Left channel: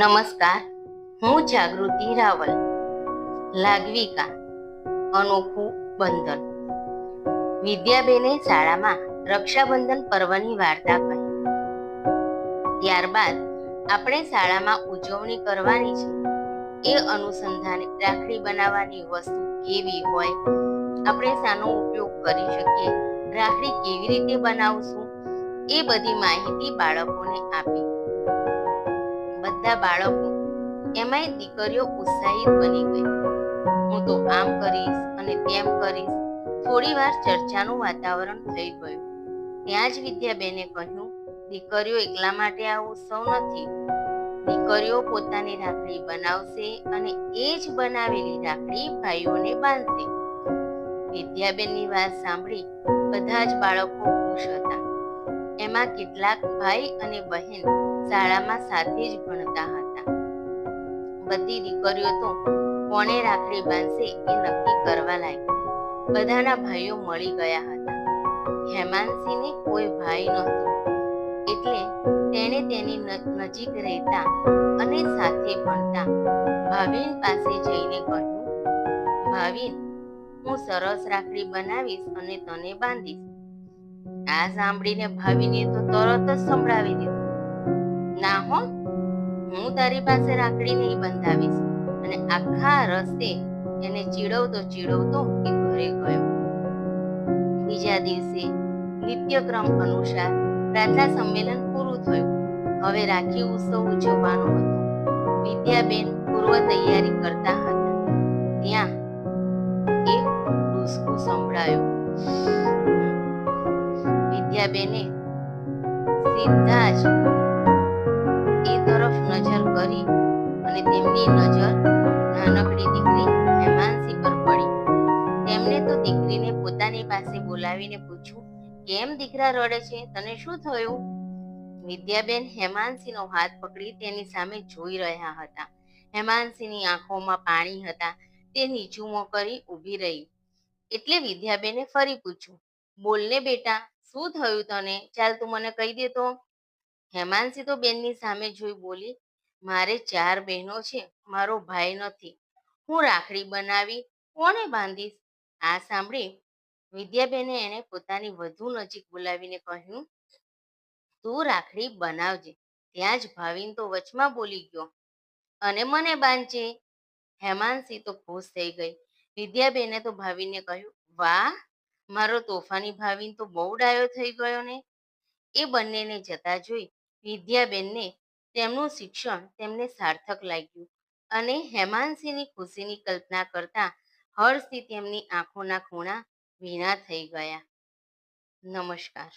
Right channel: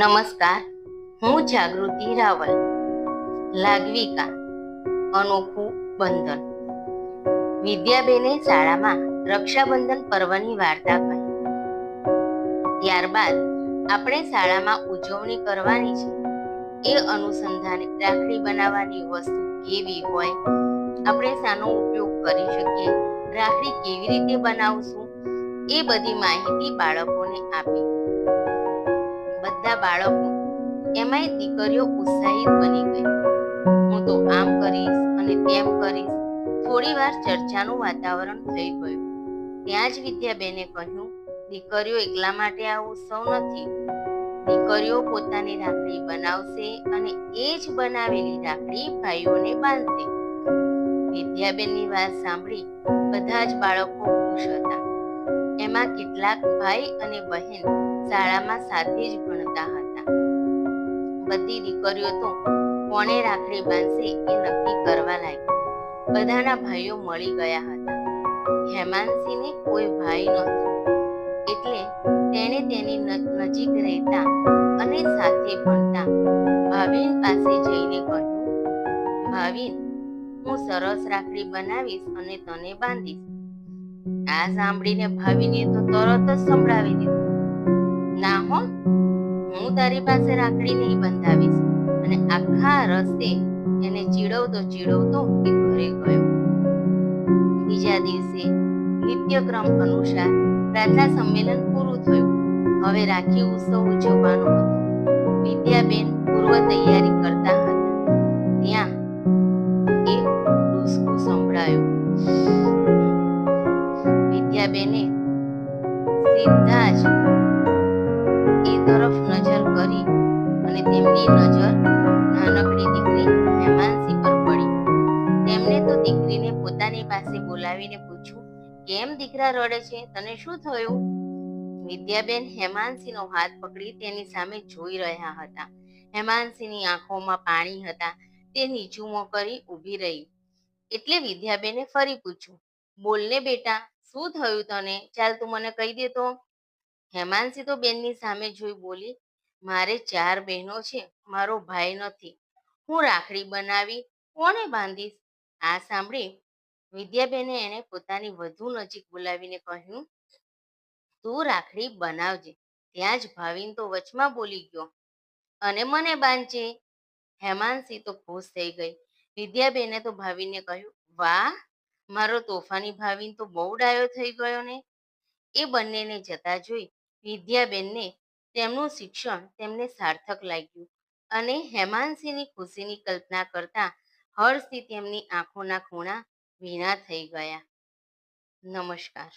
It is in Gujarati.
નમસ્કાર, હું જાગૃતિ રાવલ, લાગવિકા, અનોખું બંધન. વિદ્યાબેને શાળામાં રક્ષાબંધન પર્વની વાર્તા કહી. ત્યારબાદ આપણે શાળામાં ઉજવણી કરવાની છે. એ અનુસંધાને રાખડી બનાવવાની વસ્તુ કેવી હોય, આપણે શાનો ઉપયોગ કરી શકીએ, રાખડી કેવી રીતે બનાવશું, એ બધી માહિતી બાળકોને આપી. બધા બાળકો એમાંય દીકરીઓ ઉત્સાહિત બની ગઈ. હું તો આમ કરીશ અને તેમ કરીશ. થોડી વાર ચર્ચાનું વાતાવરણ થઈ ગયું. ત્યાં જ વિદ્યાબેને કહ્યું, દીકરીઓ એકલા માટે આ ઉત્સવ નથી. દીકરીઓ પોતાની રાખડી બનાવશે અને એ જ બનાવેલી રાખડી ભાઈઓને બાંધશે. વિદ્યાબેનની વાત સાંભળી બધા જ બાળકો ખુશ હતા. એમાં કેટલાક ભાઈ અને બહેન શાળામાં સાથે જ ભણતા હતા. બધી દીકરીઓ તો કોણે રાખડી બાંધશે એ નક્કી કરવા લાગી. બધાના ભાઈઓ મળી ગયા હતા. હેમાંશીને કોઈ ભાઈ નહોતો. એટલે તેણે તેની નજીક રહેતા અને સાથે ભણતા ભાવિન પાસે જઈને કહ્યું, ભાવિન, હું સરસ રાખડી બનાવીશ અને તને બાંધીશ. આ સાંભળીને ભાવિને તો તરત જ સંભળાવી દીધું. હું તારી પાસે રાખડી નહીં બંધાવીશ. અને આખા રસ્તે એને ચીડવતો ચીડવતો એ ઘરે ગયો. બીજા દિવસે નિત્યક્રમ અનુસાર પ્રાર્થના સંમેલન પૂરું થયું. હવે રાખી ઉત્સવ ઉજવવાનો હતો. વિદ્યાબેન પૂર્વ તૈયારી કરતા હતા. ત્યાં એક ડુસકું સંભળાયું. વિદ્યાબેને સીધા જ એ તરફ નજર કરી અને તેમની નજર નાનકડી દીકરી હેમાંસી પર પડી. તેમણે તો દીકરીને પોતાની પાસે બોલાવીને પૂછ્યું, કેમ દીકરા રડે છે? તને શું થયું? વિદ્યાબેન હેમાંસીનો હાથ પકડી તેની સામે જોઈ રહ્યા હતા. હેમાંસીની આંખોમાં પાણી હતા. તે નીચું મોં કરી ઊભી રહી. એટલે વિદ્યાબેને ફરી પૂછ્યું, બોલને બેટા, શું થયું તને? ચાલ તું મને કહી દે તો. હેમાંસી તો બેનની સામે જોઈ બોલી, મારે ચાર બહેનો છે, મારો ભાઈ નથી. હું રાખડી બનાવી કોને બાંધીશ? આ સાંભળી વિદ્યાબેને એને પોતાની વધુ નજીક બોલાવીને કહ્યું, તું રાખડી બનાવજે, ત્યાં જ ભાવિન તો વચમાં બોલી ગયો. અને મને બાંધજે. હેમાંસી તો ખુશ થઈ ગઈ. વિદ્યાબેને તો ભાવિનને કહ્યું, વાહ, મારો તોફાની ભાવિન તો બહુ ડાયો થઈ ગયો ને. એ બંનેને જતા જોઈ વિદ્યાબેનને તેમનું શિક્ષણ તેમને સાર્થક લાગ્યું અને હેમાંસીની ખુશીની કલ્પના કરતા હર્ષથી તેમની આંખોના ખૂણા ભીના થઈ ગયા. નમસ્કાર.